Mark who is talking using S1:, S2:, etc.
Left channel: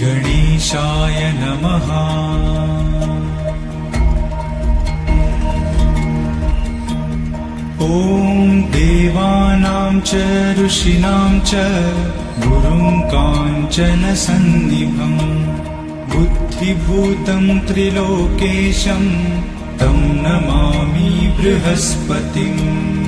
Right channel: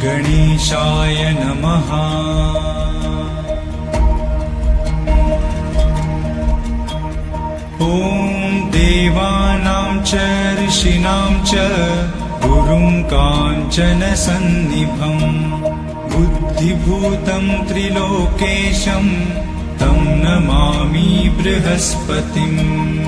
S1: गणेशाय नमः। ॐ देवानां च ऋषीणां च गुरुं काञ्चन सन्निभम् बुद्धिभूतं त्रिलोकेशं तं नमामि बृहस्पतिम्।